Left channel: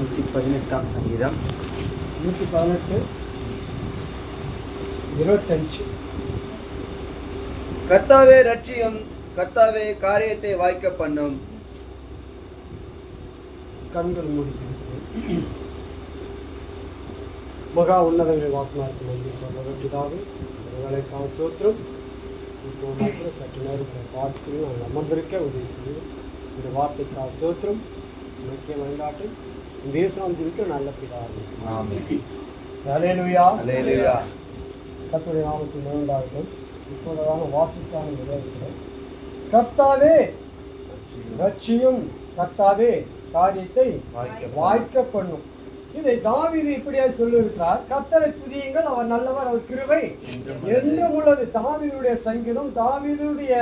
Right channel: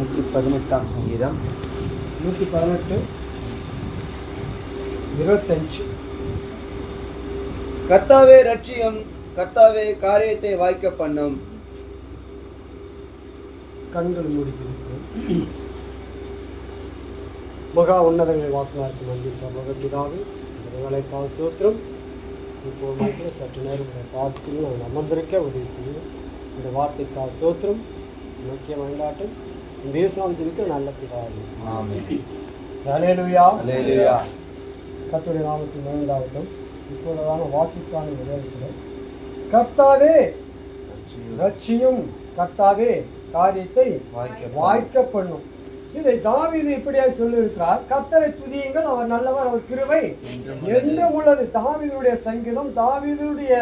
118 சங்கீதம் 118 25. கர்த்தாவே ரட்சியம், கர்த்தாவே காரியத்தை வாய்க்க பண்ணும். கண்கள் மூடி மகா உன்னதங்கள் வாசனாருக்கு நன்றி பரலோகப்பிதாவே, உங்களுக்காக ஸ்தோத்திரம். இப்போ சற்று நேரம் பார்த்து நாங்கள் அமர்ந்திருக்க உதவி செய்யும். இந்த வார்த்தைக்காக ஸ்தோத்திரம், முக்கிய வழிகாட்டும் தேசம் ஜீவிக்க நல்ல பிதாவே. ஹல்லேலூயா. ஹல்லேலூயா. கர்த்தருடைய நாமத்தில் மகிழ்ந்தாகட்டும். இப்போதான வாசிக்கான நிகழ்ச்சிகள் கர்த்தாவே ரட்சியும், கர்த்தாவே காரியத்தை வாய்க்க பண்ணும். இதை தாவீது இப்படியாக சொல்லியிருக்கிறார். கர்த்தரை துதியுங்கள், அவர் நல்லவர், அவர் கிருபை என்றும் உள்ளது. தாவீதுடைய சங்கீதம், தாவீதுடைய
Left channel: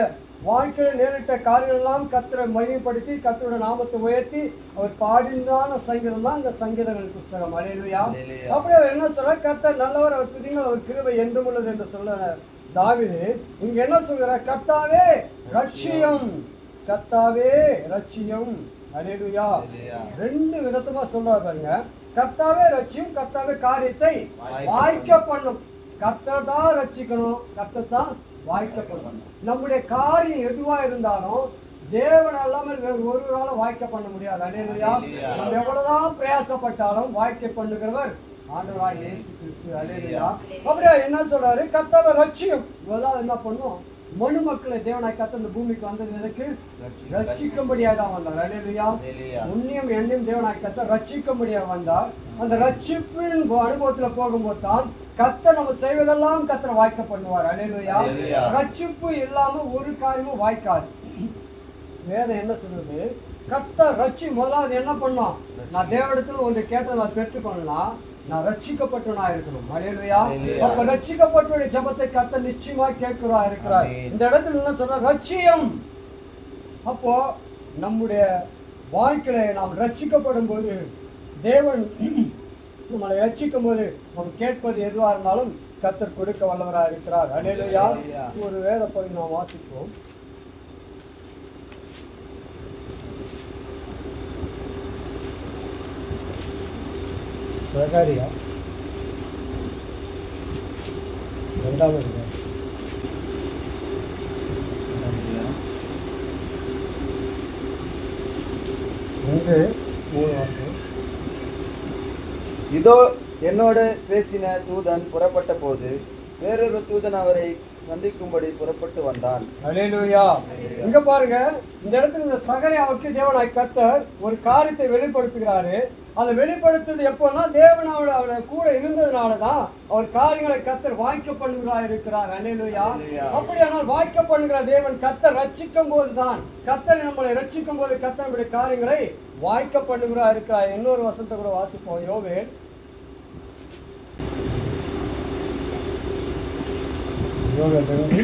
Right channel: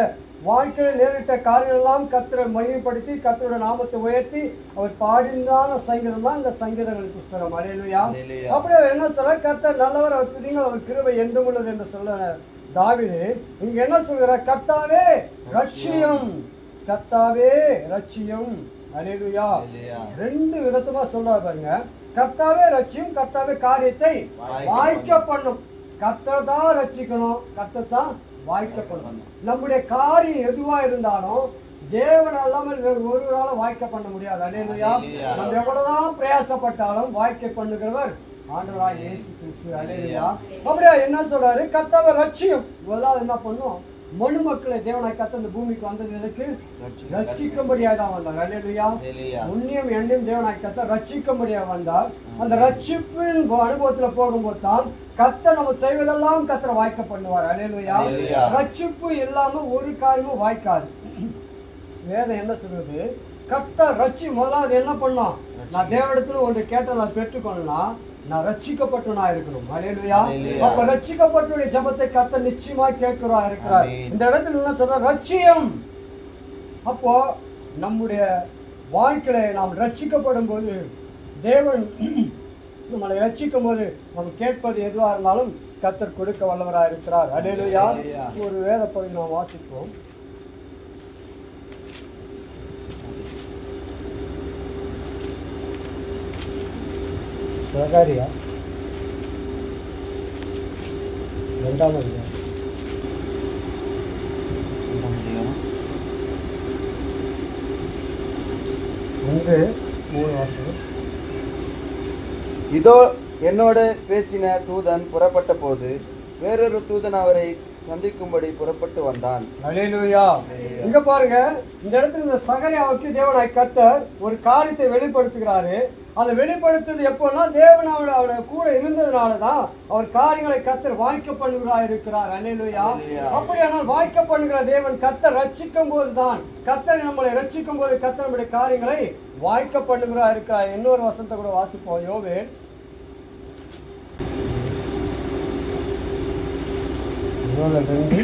வாழ்க்கையில் நேரிட்ட காரியெல்லாம் கர்த்தரை மகிமைப்படுத்தி கர்த்தருடைய நாமத்தை உயர்த்தி அவர் பாடினான சங்கீதம் தான் இந்த சங்கீதங்கள் புஸ்தகம். ஹல்லேலூயா. அப்படியே என்ன சொல்ற, கர்த்தர் நல்லவர், அவர் துதியுங்கள், அவர் கிருபை என்றும் உள்ளது என்று சொல்ல தாவீது இங்க என்ன சொல்கிறார்? கர்த்தாவே ரட்சியம், கர்த்தாவே ரட்சியம். ஹல்லேலூயா. ரெண்டு விதமா சொல்றாரு பாருங்க. கர்த்தாவே ரட்சியம், கர்த்தாவே காரியத்தை வாய்க்க பண்ணும். கர்த்தர் தான் ரட்சிக்கணும், கர்த்தர் தான் வாய்க்க பண்ணணும். நம்முடைய காரியம் எதுவா இருந்தாலும் தேவன் அல்லாமல் ஒருவரால வாய்க்க பண்ண முடியாது. ஹல்லேலூயா. நம்ம எவ்வளவுதான் பிரயாசப்பட்டாலும் வாய்க்க பண்ணுகிறவர் ஆண்டவராகிய இயேசு கிறிஸ்து. ஹல்லேலூயா. அப்படியே என்ன சொல்றாரு? கர்த்தாவே ரட்சியம். இவெல்லாம் என்ன பண்ணும்? மனு மக்களை தேவனாய் கர்த்தர் இந்த பூமிக்கு வந்தது எதற்கு? ரட்சிக்கும்படியாக தான் வந்தார். ஹல்லேலூயா. உன்னையும் என்னையும் தேவனாய் கர்த்தர் ரட்சிக்கும்படியாக வந்தார். அந்த ரட்சிப்பின் அனுபவத்துல போகும்போது தான் கர்த்தர் நம்ம செய்வதெல்லாம் கர்த்தர் வாய்க்க பண்ணுவார். ஹல்லேலூயா. ரட்சிப்பு இல்லாம ஒரு காரியமும் வாய்க்காது. வேதம் என்ன சொல்றது? கர்த்தர் ரட்சி முதலாவது என்ன பண்ணோம்? நான் தேவனிடத்துல ஒன்று கேட்ட நான் பெற்றுக்கொள்ளனா நான் ரட்சிக்கப்பட்டவனா இருக்கணும். ஹல்லேலூயா. அப்ப ரட்சிக்கப்பட்டவருடைய ஜெபத்தை கர்த்தர் நிச்சயமா இருக்கிறார். இந்த இடத்துல என்ன சொல்ற? ரட்சியம். அப்போ நம்முடைய வாழ்க்கையில நாம் ரட்சிக்கப்படும் போது, தேவன் நம்மளை ரட்சிக்கும் போது நம்ம கேட்பது எதுவா இருந்தாலும் கர்த்தர் கொடுக்க வல்லவராக இருக்கிறார். ஹல்லேலூயா. ஒரு வேத பகுதி நாம் வாசிப்போம். சகரியா 2ஆம் அதிகாரம் 1-3 வாசகம். இதோ என்னோடு பேசின தூதன் புறப்பட்ட போது வேறொரு தூதன் அவரை சந்திக்கும்படி புறப்பட்டு வந்தான். ஹல்லேலூயா. இங்க பாருங்க, இந்த இடத்துல இந்த சகரியாவுக்கு தேவனாய் கர்த்தர் ஒரு காரியத்தை வெளிப்படுத்துகிறாரு. அதை வெளிப்படுத்துறது எப்போன்னா தேவன் அவருடைய கூட இருந்ததுனாலதான் அவர் காரியங்களை கர்த்தர் வாய்க்க பண்ணுகிறார் இருக்கிறார். ஹல்லேலூயா. அப்படியானால் வாய்க்க பண்ணுகிற தேவன் கர்த்தர் ரட்சிக்கும் போதுதான், கர்த்தர் நம்மளை ரட்சிக்கும் போது கர்த்தர் நம்முடைய காரியங்களை வாய்க்க பண்ணுகிறார் இருக்கிறார். இன்னொரு வசனத்தை கூட வாசிப்போம். யோவேல் 2:12.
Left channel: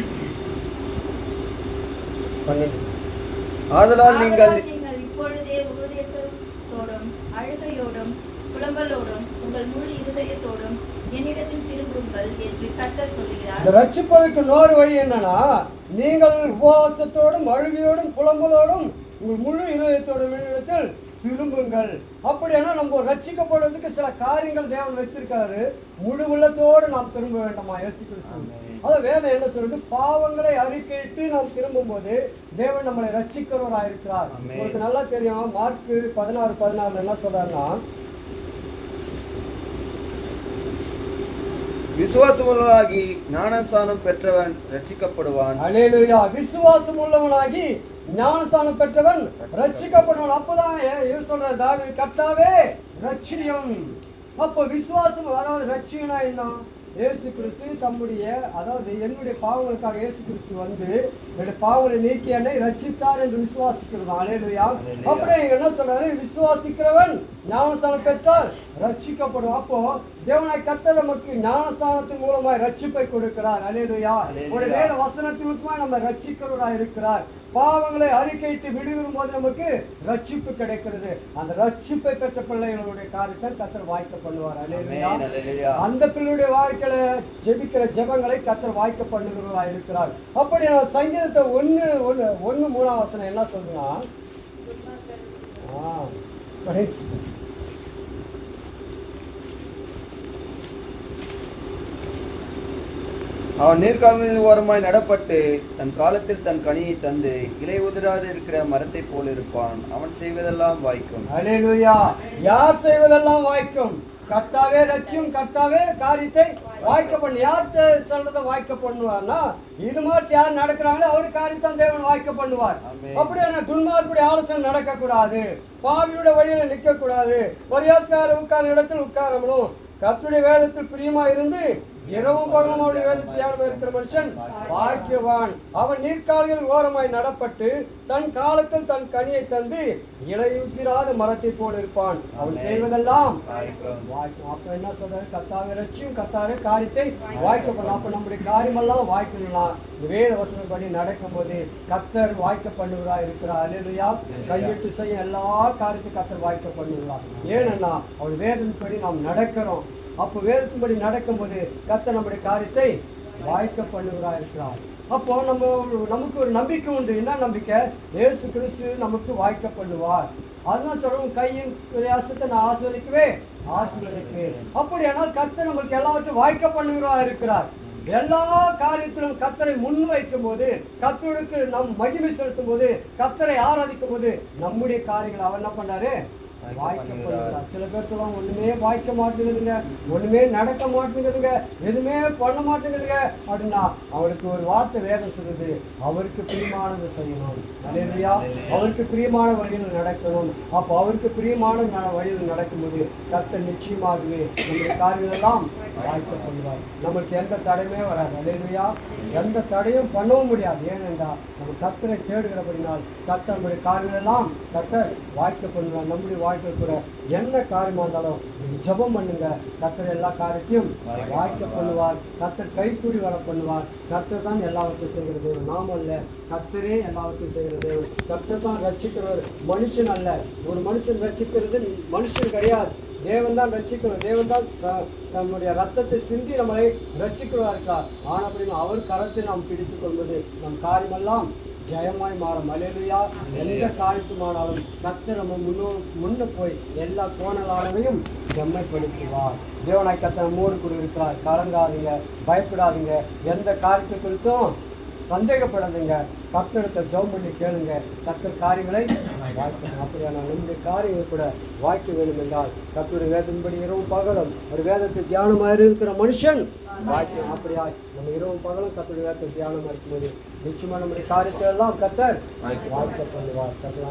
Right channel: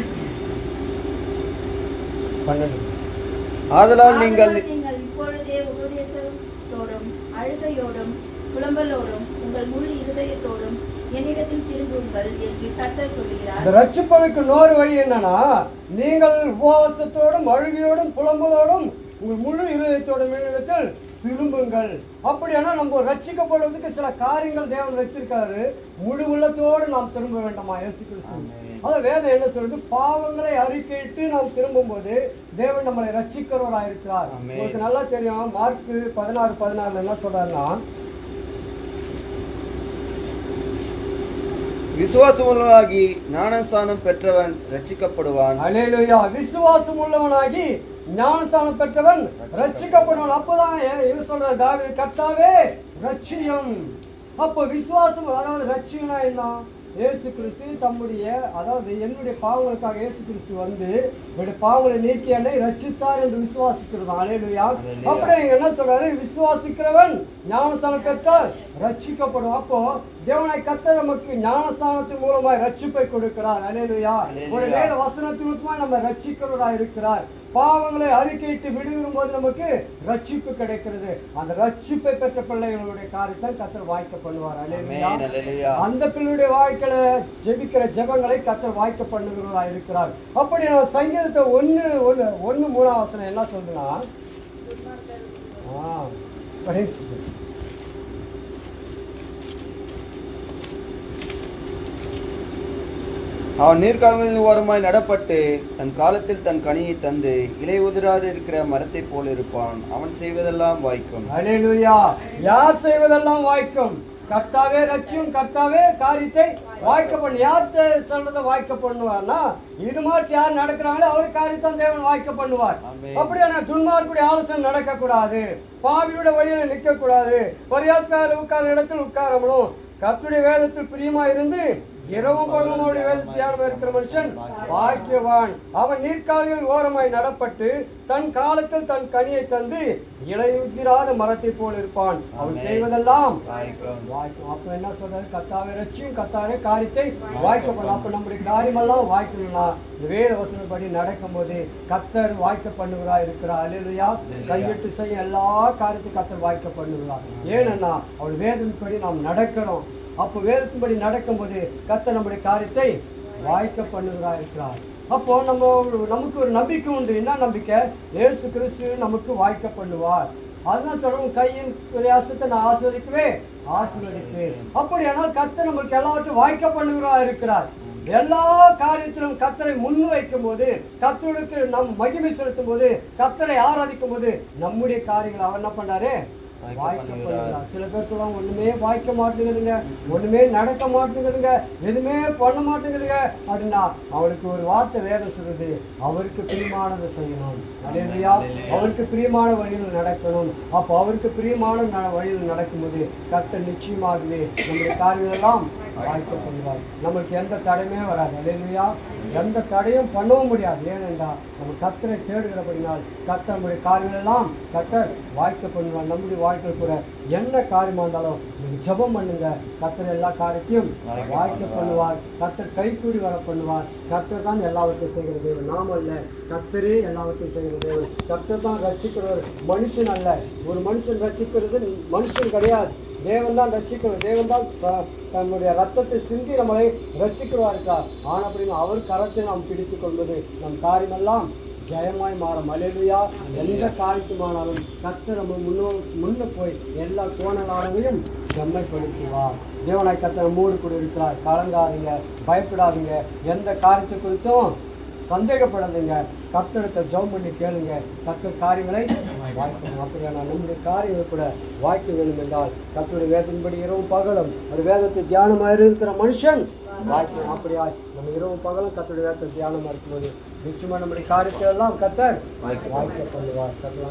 ஆதலால் நீங்கள் இப்பொழுதே உபதேசத்தோடும் அழுகையோடும் புலம்பலோடும் உங்கள் முழு இருதயத்தோடும் என்னிடத்தில் திரும்புங்கள் என்று கர்த்தர் சொல்கிறார். இந்த ரட்சிப்பதற்கு இன்னொரு வழி என்னன்னா, நீங்கள் உபவாசத்தோடும் அழுகையோடும் புலம்பலோடும் உங்கள் முழு இருதயத்தோடும் என்னிடத்தில் திரும்புங்கள். அப்படியானா நம்ம ரட்சிக்கப்படுவதற்கு சில காரியங்கள் தேவன் வைத்திருக்காரு. முழு உள்ளத்தோடு நாம் திரும்ப வேண்டாமா? இயேசு கிறிஸ்து அதான் வேதம் என்ன சொல்றது? பாவங்களை அறிக்கையிட்டு நாம் திரும்பும் போது தேவன் நம்மளை ரட்சிக்கிறவராக இருக்கிறார். உங்களுக்கு நல்லா தெரியும், மார்க் 16:14 என்ன சொல்றாருன்னா, விசுவாசம் உள்ளவனாகி ஞானஸ்தானம் பெற்றவன் ரட்சிக்கப்படுவான். ஹல்லேலூயா. விசுவாசம் உள்ளவனாகி ஞானஸ்தானம் பெற்றவன் ரட்சிக்கப்படுவான். அப்பதான் சொல்ற தாவீது, கர்த்தாவே ரட்சியம். அப்ப விசுவாசம், அதாவது ரட்சியனா என்ன? இயேசு கிறிஸ்து தம்முடைய, அதாவது என்னுடைய பாவங்களுக்காக இயேசு கிறிஸ்து வந்து என்னுடைய பாவங்களை நீக்கி என்னை ரட்சித்தார் என்று விசுவாசிக்கிறது. ஹல்லேலூயா. அப்புறம் என்ன சொல்றாரு? விசுவாசிக்கிறவன் ஞானஸ்தானம் பெற்றால் ரட்சிக்கப்படும். அப்போ தேவனாய் கர்த்தர் நமக்கு ஞானஸ்தானத்தின் மூலமாய் ரட்சிப்பை கொடுக்கிறார். ஹல்லேலூயா. ஒரு வேத வசனத்தின் மூலமா நம்ம ரட்சிக்கிறவராக இருக்கிறார். பாவங்களை அறிக்கையிட்டு விடுவிடும் போது நமக்கு ரட்சிப்பு கிடைக்கிறது. அந்த ரட்சிப்பை பெற்ற பிள்ளைகளுடைய காரியத்தை கர்த்தர் வாய்க்க பண்ணுவார். ஹல்லேலூயா. அந்த பிள்ளையுடைய வாழ்க்கையில ஜெபிக்கிற ஜெபங்களை கர்த்தர் வாய்க்க பண்ணுகிறவராக இருக்கிறார். அப்படி சங்கீதத்தை 1:3 என்ன சொல்றா? அவன் நீர்க்கால்களின் ஓரமாய் நடப்பட்டு தன் காலத்தில் தன் கனியை தந்து இலை உதிராது இருக்கிற மரத்தைப் போல் இருப்பான். அவன் செய்வதெல்லாம் வாய்க்கும். அல்லேலூயா. யார் செய்வதெல்லாம் வாய்க்கும். கர்த்தாவே ரட்சியும், கர்த்தாவே காரியத்தை வாய்க்க பண்ணு. யார் சொல்றதை வாய்க்க பண்ணுவார்னா, இது மாதிரி யார் நடக்கிறாங்களோ அவர் காரியத்தை தேவன் வாய்க்க பண்ணுவார். அப்படியான துன்மார்க்குடைய ஆலோசனை நடக்க கூடாது, பாவியோட வழியில நிற்க கூடாது, பரியாசக்கார உட்கார இடத்தில் உட்காரணும். கர்த்தருடைய வேதத்தில் பிரியமா இருந்து இரவும் பகலும் அவருடைய வேதத்தில் தியானம் இருக்கிற மனுஷன் பாக்கியவான். அவன் நீர்க்கால்கள் ஓரமாய் நடப்பட்டு தன் காலத்தில் தன் கனியை தந்து இலையுதிராத மரத்தை போல் இருப்பான். அவன் செய்வதெல்லாம் அப்ப என்ன சொல்றாரு? கர்த்தாவே ரட்சியும், கர்த்தாவே காரியத்தை வாய்க்கப்படலாம். அப்ப நம்முடைய காரியமெல்லாம் வாய்க்கலாம். வேத வசனப்படி நடக்கும் போது கர்த்தர் வாய்க்க பண்ணுவதா இருக்கிறார். அல்லேலூயா. கையிட்டு செய்ய எல்லா காரியத்தையும் கர்த்தர் வாய்க்க பண்ணுகிறார். ஏன்னா அவள் வேதத்தின்படி நாம் நடக்கிறோம். அப்போ வேதத்தின்படி நடக்கும்போது கர்த்தர் நம்முடைய காரியத்தை வாய்க்க பண்ணுவதாக இருக்கிறார். அப்போ நமக்கு ஒரு நம்பிக்கை உண்டு. என்ன நம்பிக்கை? இயேசு கிறிஸ்து நமக்கு வாய்க்க பண்ணுவார். அதுதான் சொல்லணும், கையின் பிரயாசத்தை நான் ஆசீர்வதிப்பேன். அப்படியானால் கர்த்தர் நம்மளுக்கு எல்லாவற்றையும் வாய்க்க பண்ணுவதாக இருக்கிறார். எல்லா காரியத்திலும் கர்த்தரை முன் வைக்கும் போது, கர்த்தருக்கு நம் மகிமை செலுத்தும் போது, கர்த்தரை ஆராதிக்கும் போது நம்முடைய காரியங்களை அவர் என்ன பண்ணாரு? வாய்க்கப்படுகிறார். சில பேர் சொல்லுவாங்க, ஒண்ணுமே வாய்க்க மாட்டேங்குதுங்க, ஒண்ணுமே நடக்க மாட்டேங்குதுங்க, எதுவுமே பண்ண மாட்டேங்குதுங்க அப்படின்னா அவருக்கு ஒரு வார்த்தை வேதம் சொல்லுது, அவருக்கு பிரியமானதை செய்யணும். அல்லேலூயா. அவருக்கு பிரியமான வழியில் நடக்கணும். அப்போ அவருக்கு பிரியமான வழியில் நடக்கும்போது கர்த்தர் நிச்சயமாகவே நம்முடைய காரியங்கள் எல்லாம் வாய்க்கப்படுவார். நம்மளுக்கு எந்த தடையுமே வராது. அல்லேலூயா. எந்த தடையும் பண்ணவும் முடியாது. ஏனென்றால் நம்ம கர்த்தரை தேடுகிறபடினால் கர்த்தர் நம்முடைய காரியங்கள் எல்லாம் கர்த்தர் வாய்க்கப்படுவார். நம்முடைய வாழ்க்கை கூட என்ன காரியமா இருந்தாலும் நீங்க ஜெபம் பண்ணுங்க, கர்த்தர் எல்லா காரியத்தையும் வாய்க்க பண்ணுவார். கர்த்தர் கைக்கூடி வர பண்ணுவார். கர்த்தர் தான் எல்லாவற்றையும் செய்கிற தேவன், நாம் அல்ல. கர்த்தரே எல்லாவற்றையும் செய்கிற தேவன். கர்த்தர் தான் ரட்சிக்கிறவர், மனுஷன் அல்ல. ஒரு மனுஷன் ரட்சிக்கிறது மனுஷன் கிடையாது, தேவன் தான் ரட்சிக்கிறவர். தேவன் தான் தன்னுடைய ரத்தத்தை சிந்தி நம்மளை ரட்சிக்கிறவா இருக்கார். ஆனப்படியும் அவர் கரத்தை நாம் பிடித்துக் கொள்வது நம் காரியமெல்லாம் ஜெயமாய் மாறும். அல்லேலூயா. எந்த காரியத்துமானாலும் கர்த்தர் நம்ம முன்ன போய் எல்லா கோணலாலையும் செம்மைப்படுத்துவார். தேவனாய் கர்த்தர் நம்மோடு கூட இருக்கிறார். கலங்காதீங்க, பயப்படாதீங்க, எந்த காரியத்தை குறித்தும் சந்தேகப்படாதீங்க. கர்த்தரத்தை ஜெபம் பண்ணி கேளுங்க, கர்த்தர் காரியங்களை வாய்க்கணும். அப்படியான நம்முடைய காரியங்கள் கூட வாய்க்க வேண்டும் என்றால் கர்த்தருடைய வேதத்தின்படி இரவும் பகலும் ஒரு வேதத்தை தியானமாக இருக்கிற மனுஷன் வாய்க்கணும். அப்படியா நம்ம இரவும் பகலும் கர்த்தருடைய வேதத்தை தியானமாக இருக்கும்போது நிச்சயமா நம்முடைய காரியத்தை எல்லாம் கர்த்தர் வாய்க்க பண்ணுவார். கர்த்தர்